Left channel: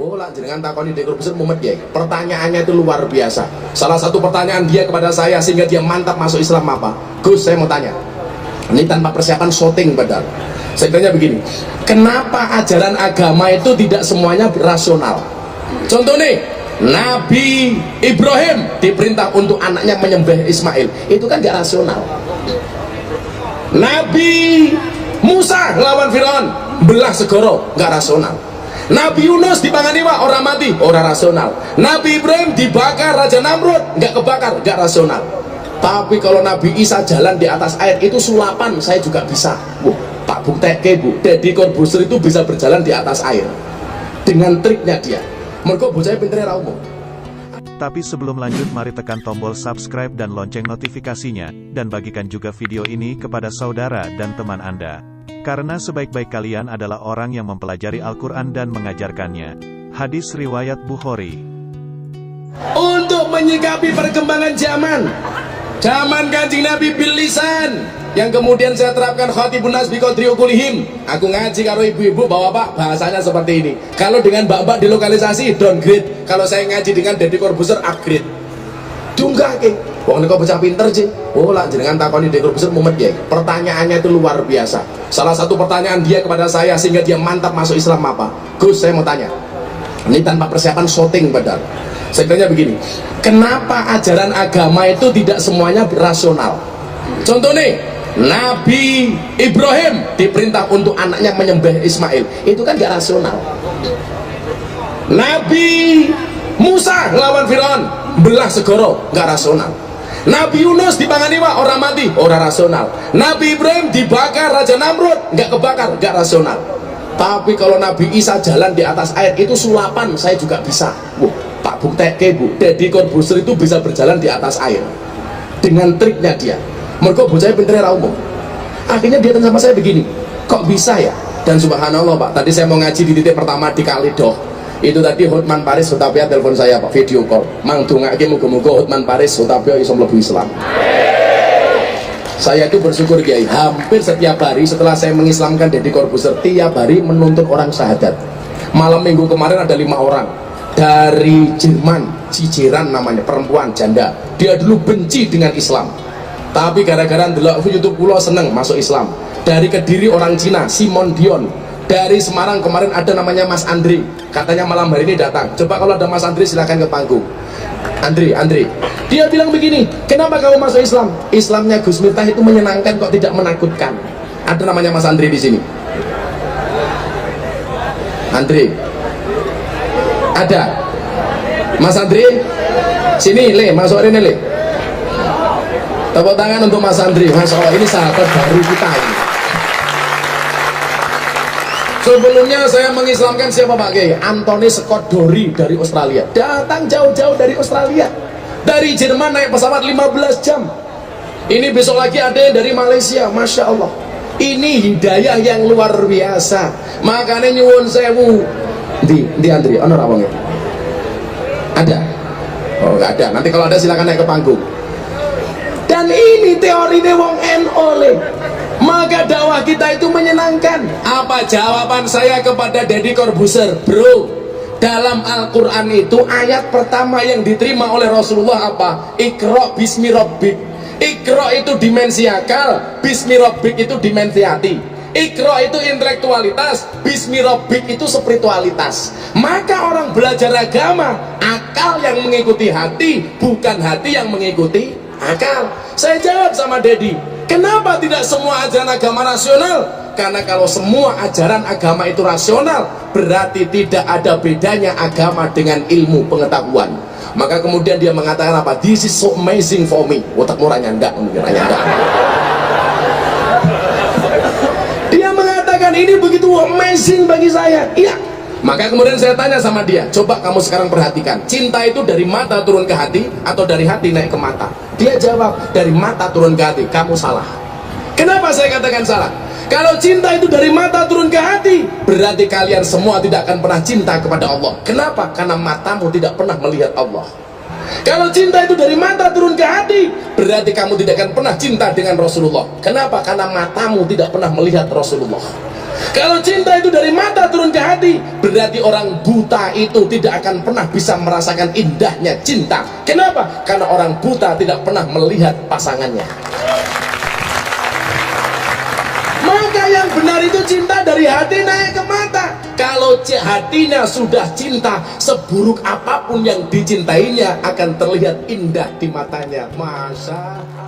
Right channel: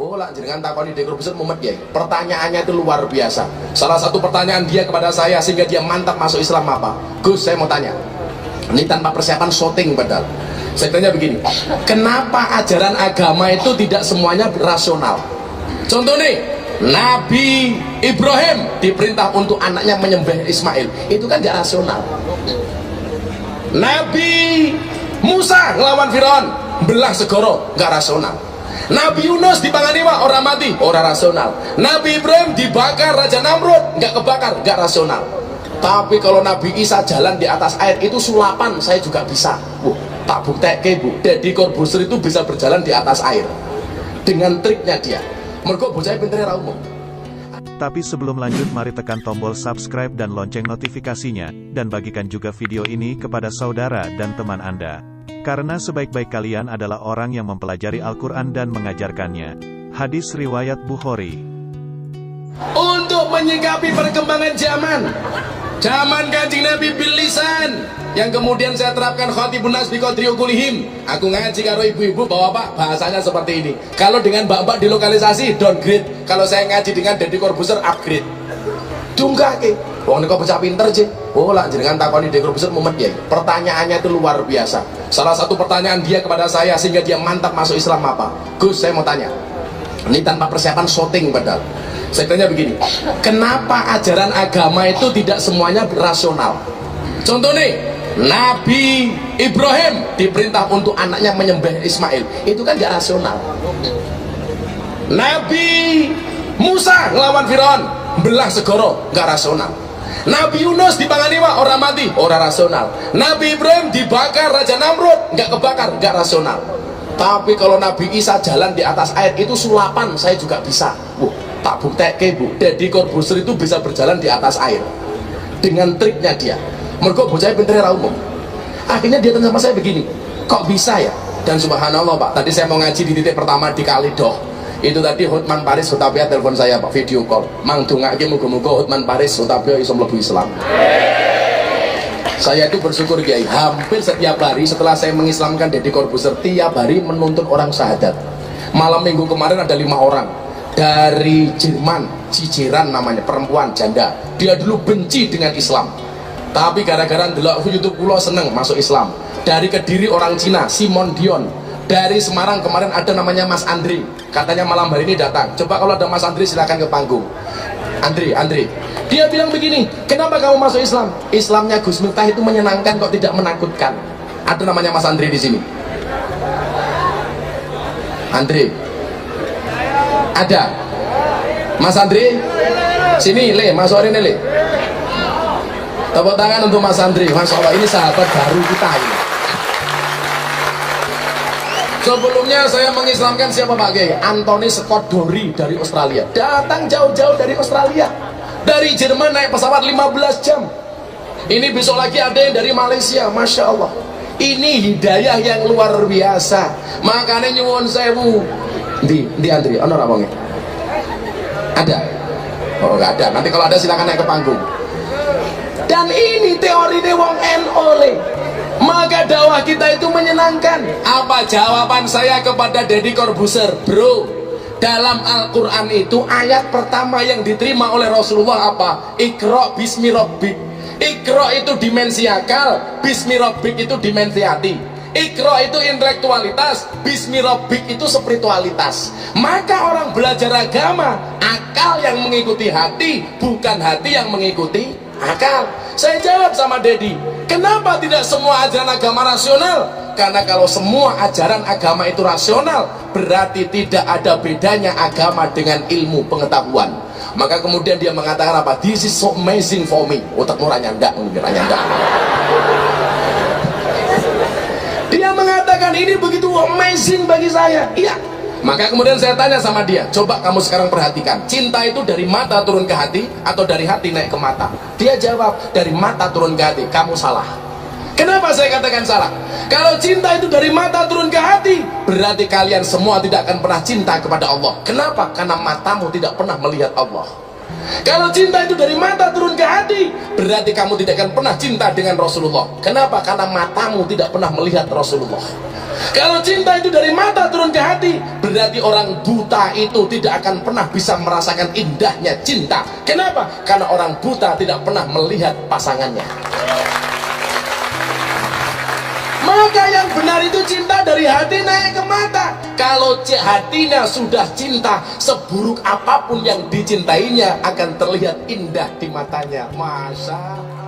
Oh lah jenengan takoni Deddy Corbuzier mumet ya. Pertanyaannya itu luar biasa. Salah satu pertanyaan dia kepada saya sehingga dia mantap masuk Islam apa? Gus, saya mau tanya. Ini tanpa persiapan syuting padahal. Saya tanya begini, kenapa ajaran agama itu tidak semuanya rasional? Contoh nih, Nabi Ibrahim diperintah untuk anaknya menyembelih Ismail, itu kan gak rasional. Nabi Musa ngelawan Firaun, belah segoro, gak rasional. Nabi Yunus dipangani wak, orang mati, orang rasional. Nabi Ibrahim dibakar Raja Namrud, gak kebakar, gak rasional. Tapi kalau Nabi Isa jalan di atas air, itu sulapan, saya juga bisa. Tak bukteke bu, Deddy Corbuzier itu bisa berjalan di atas air dengan triknya dia. Mergo bocahnya pinternya ra umum. Tapi sebelum lanjut, mari tekan tombol subscribe dan lonceng notifikasinya, dan bagikan juga video ini kepada saudara dan teman Anda. Karena sebaik-baik kalian adalah orang yang mempelajari Al-Quran dan mengajarkannya. Hadis riwayat Bukhari. Untuk menyikapi perkembangan zaman Kanjeng Nabi bil lisan, yang kemudian saya terapkan khatibun nas bi qadri uqulihim. Aku ngaji karo ibu-ibu bapak bahasanya seperti ini. Kalau dengan mbak-mbak di lokalisasi downgrade, kalau saya ngaji dengan Deddy Corbuzier upgrade. Dunggake. Wong nek bocah pinter je. Oh lah jenengan takoni Deddy Corbuzier mumet ya. Pertanyaannya itu luar biasa. Salah satu pertanyaan dia kepada saya sehingga dia mantap masuk Islam apa? Gus, saya mau tanya. Ini tanpa persiapan syuting padahal. Saya tanya begini, kenapa ajaran agama itu tidak semuanya rasional? Contoh nih, Nabi Ibrahim diperintah untuk anaknya menyembelih Ismail, itu kan gak rasional. Nabi Musa ngelawan Firaun, belah segoro, gak rasional. Nabi Yunus dipangani wak, orang mati, orang rasional. Nabi Ibrahim dibakar Raja Namrud, gak kebakar, gak rasional. Tapi kalau Nabi Isa jalan di atas air, itu sulapan, saya juga bisa. Tak bukteke bu, Deddy Corbuzier itu bisa berjalan di atas air dengan triknya dia. Mergo bocahnya pinternya ra umum. Akhirnya dia tanya sama saya begini, kok bisa ya? Dan subhanallah pak, tadi saya mau ngaji di titik pertama di Kalidoh. Itu tadi Hotman Paris Hutapia telepon saya pak, video call. Mang dongake muga-muga Hotman Paris Hutapia iso mlebu Islam. Saya itu bersyukur Kiai, hampir setiap hari setelah saya mengislamkan Deddy Corbuzier, tiap hari menuntut orang syahadat. Malam minggu kemarin ada 5 orang dari Jerman, Ciceran namanya, perempuan janda. Dia dulu benci dengan Islam, tapi gara-gara ndelok YouTube kula seneng masuk Islam. Dari Kediri orang Cina, Simon Dion. Dari Semarang kemarin ada namanya Mas Andri, katanya malam hari ini datang. Coba kalau ada Mas Andri silakan ke panggung. Andri, dia bilang begini, kenapa kamu masuk Islam? Islamnya Gus Miftah itu menyenangkan kok tidak menakutkan. Ada namanya Mas Andri di sini. Andri, ada Mas Andri, sini le, masuk ini le. Tepuk tangan untuk Mas Andri. Masya Allah, ini sahabat baru kita ini. Sebelumnya saya mengislamkan siapa Pak Kiai? Anthony Scott Dory dari Australia. Datang jauh-jauh dari Australia. Dari Jerman naik pesawat 15 jam. Ini besok lagi ada yang dari Malaysia. Masya Allah. Ini hidayah yang luar biasa. Makanya nyuwun sewu. Di Andri, ono ra wonge? Ada? Oh nggak ada. Nanti kalau ada silakan naik ke panggung. Dan ini teorinya wong NO le. Maka dakwah kita itu menyenangkan. Apa jawaban saya kepada Deddy Corbuzier? Bro, dalam Al-Quran itu ayat pertama yang diterima oleh Rasulullah apa? Iqra bismi rabbik. Iqra itu dimensi akal, bismi rabbik itu dimensi hati. Iqra itu intelektualitas, bismi rabbik itu spiritualitas. Maka orang belajar agama, akal yang mengikuti hati, bukan hati yang mengikuti akal. Saya jawab sama Deddy, kenapa tidak semua ajaran agama rasional? Karena kalau semua ajaran agama itu rasional, berarti tidak ada bedanya agama dengan ilmu pengetahuan. Maka kemudian dia mengatakan apa? This is so amazing for me. Otakmu ranyandak, mungkin ranyandak. Dia mengatakan ini begitu amazing bagi saya. Iya. Maka kemudian saya tanya sama dia, coba kamu sekarang perhatikan, cinta itu dari mata turun ke hati atau dari hati naik ke mata? Dia jawab, dari mata turun ke hati. Kamu salah. Kenapa saya katakan salah? Kalau cinta itu dari mata turun ke hati, berarti kalian semua tidak akan pernah cinta kepada Allah. Kenapa? Karena matamu tidak pernah melihat Allah. Kalau cinta itu dari mata turun ke hati, berarti kamu tidak akan pernah cinta dengan Rasulullah. Kenapa? Karena matamu tidak pernah melihat Rasulullah. Kalau cinta itu dari mata turun ke hati, berarti orang buta itu tidak akan pernah bisa merasakan indahnya cinta. Kenapa? Karena orang buta tidak pernah melihat pasangannya. Maka yang benar itu cinta dari hati naik ke mata. Kalau hatinya sudah cinta, seburuk apapun yang dicintainya akan terlihat indah di matanya. Masa